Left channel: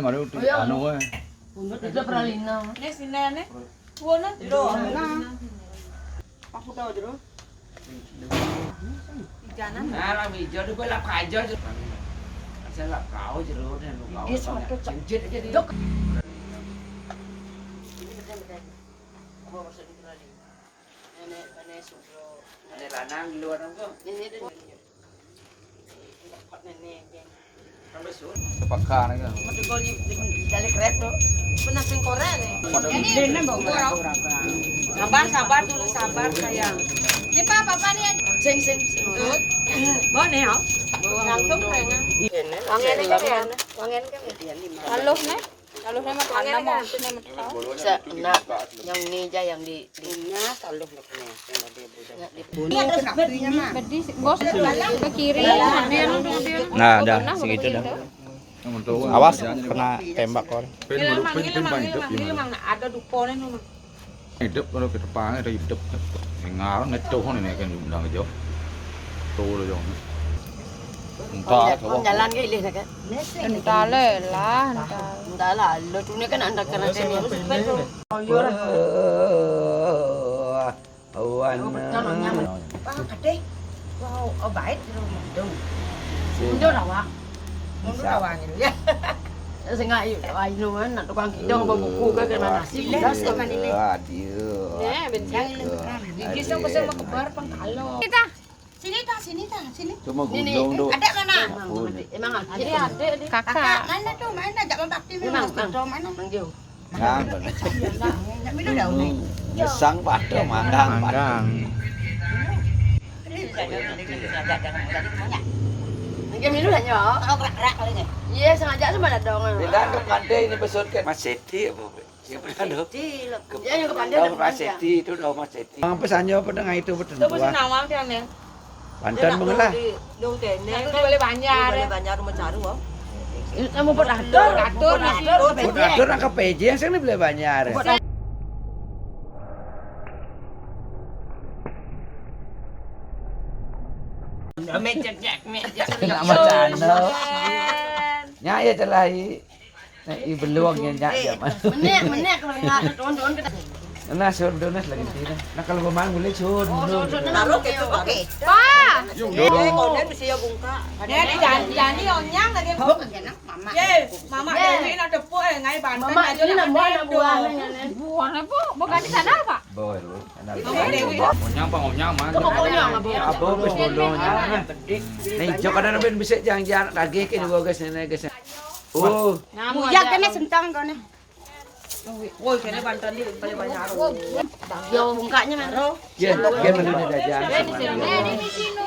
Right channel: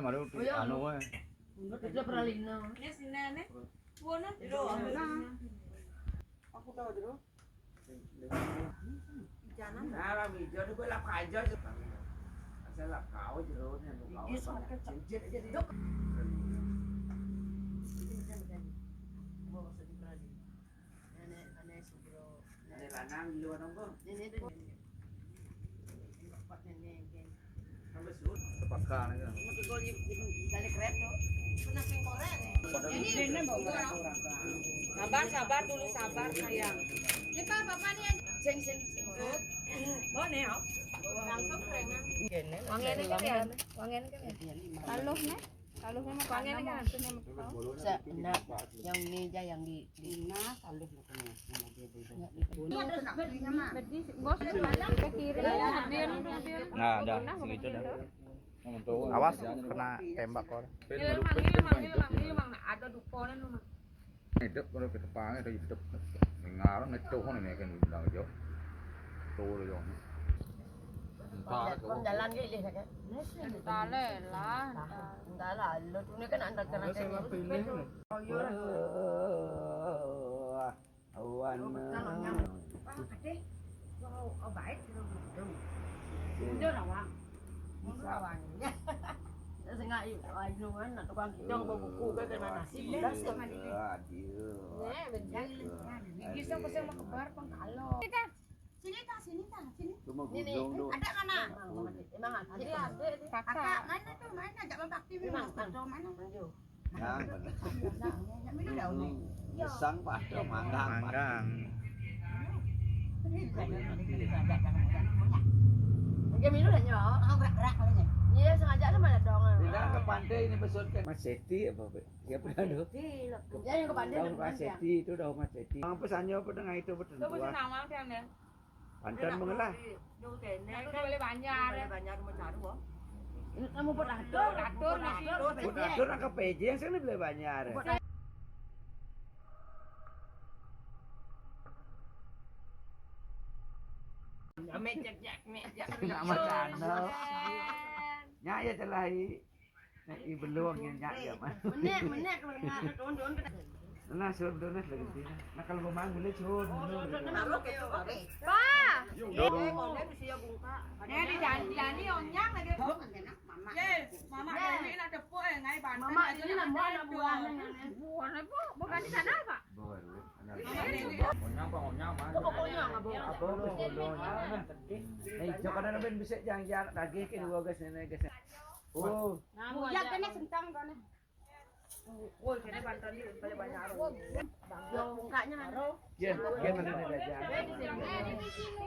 Mà đâu anu ấy. Itu pralina. Ini sinane. Wono lho. Aku tahu jero. Ijanan. Nah, là vì giờ nó làm khai giờ sẽ làm cáo chứ đâu nên nó cáo chết aja đi. Ini lanang di luar apa? Sampai sur. Pakha này kìa. Mati gol dari kereta. Benar sing Korea nih. Ini bawa. Sabar dulu sabar sayang. Ini papa nih. Sing. Bawa nih hả? Langsung kayaknya. Wangen kan? Wangen kan? Lalu nih. Lalu sama wangen kan? Sa, nak yang ni aja yang di Lalu nih. Ini ada sepertinya mah. Bos ke kiri. Nah, dah segitu dah. Awas kena tembak kon. Pin hidup gimana? Ada dukonya nih. hidup kalau ke depan ada hidup. Ngar ngetuh ini kan undang jauh. Tuh lo jauh. Entah jalan ke ilih kan. Entah lah. Entah lah, lo tu ni kan anda kena sini. Awan. Gede. Wow, baik dong. Mundur awak. Mundur awangin ya. Sengaja ayo kan nak tukang kidong bawa buku ke kena nasi. Aduh. Ya, bencang. Gigi sama sama kebar pangkalo. Sini. Cuma gunung tu. Ada mana? Emang ada. Kakak. Mana tuh? Mana? Jangan bakti Memang memang. Mana? Mang Jauh. Ngang. Nak minum dah ni. Ngesang pada manggang. Manggang. Mungkin minum dah nyok. Oh, gerak kali ni. Iya sengaja sama ada dong. Bila ke pandai ini besar kan Mas Seti apa? Siapa kan? Ya yang ke pandai Tahu Mas Seti itu dah Mas Seti. Bang pesannya pedang itu betul. Tu mesti nawang dia ni. Pantan mengalah. Dong teh ni. Tu boleh banyak. Boleh banyak rumah caru. Kamu buat atur. Atur nak ke PJ yang sini boleh banyak. Mejak. Nak macam mana? Nya ya celah i beluang ya nya ya. Menek kalau nak tuan-tuan kita. Nah sur donas lagi tidak. Nah kalau memang boleh sur. Taruh ke tu okey. Pa. Kau ni mesti ya bungka. Ni jangan onyang lagi. Mama. Ye, mama Dewi nak tepuk ngai banten. Mama ini nak buah. Buah apa? Bukan di sana, Pak. Boy. Mama Dewi. Ngonyang mah. Apa bos bodohnya? Nih jok ada nabi bisa jangan lagi ke dua guys ini guys. Oh. Bujak kene sentang kau ni. Woi, kene banten ni boleh banyak. Yo bungkanya mana? Ya, gimana dah jangan. Di sini.